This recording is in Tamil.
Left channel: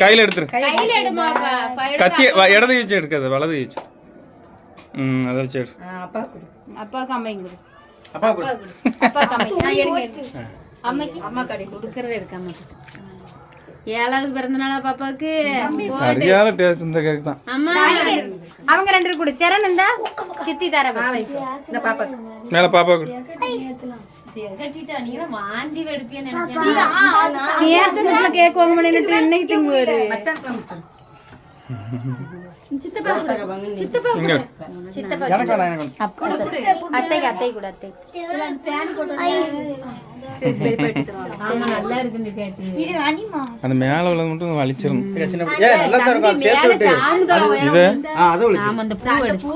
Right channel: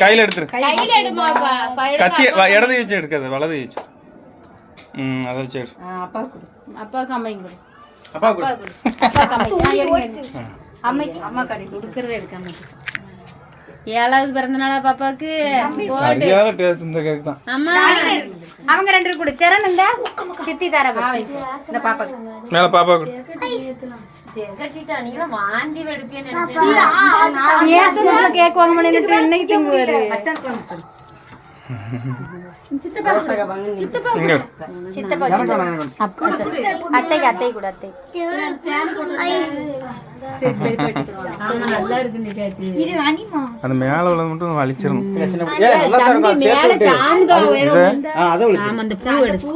கையில எடுத்துரு. கத்தி இடது வச்சு எடுக்காது, வலது வச்சு. அதை வச்சு எடு. அப்பா கம்மைங்க அப்பா கூட கொடுக்கறது இருக்கு அம்மைக்கு. 7வது பிறந்த நாளா பாப்பாக்கு. சரியான டேஸ்ட் இந்த கேக் தான். ஆமா அவங்க 2 பேரும் கூட சரண் இந்த சித்தி தர இந்த பாப்பாக்கு மேல பாப்பா கூட கட்டிட்டா. நீங்க வாந்தி வெடுப்பேன்னு நினைச்சேன். நேத்து நம்ம கேக் வாங்க முடியல, இன்னைக்கு திங்குவாரு. சித்தப்பா அத்தை அத்தை கூட அத்தை நல்லா இருக்கு. அந்த மேல உள்ளது மட்டும் வலிச்சிரும். மேல சாந்து. இது ஆமா அந்த பூ எடுத்து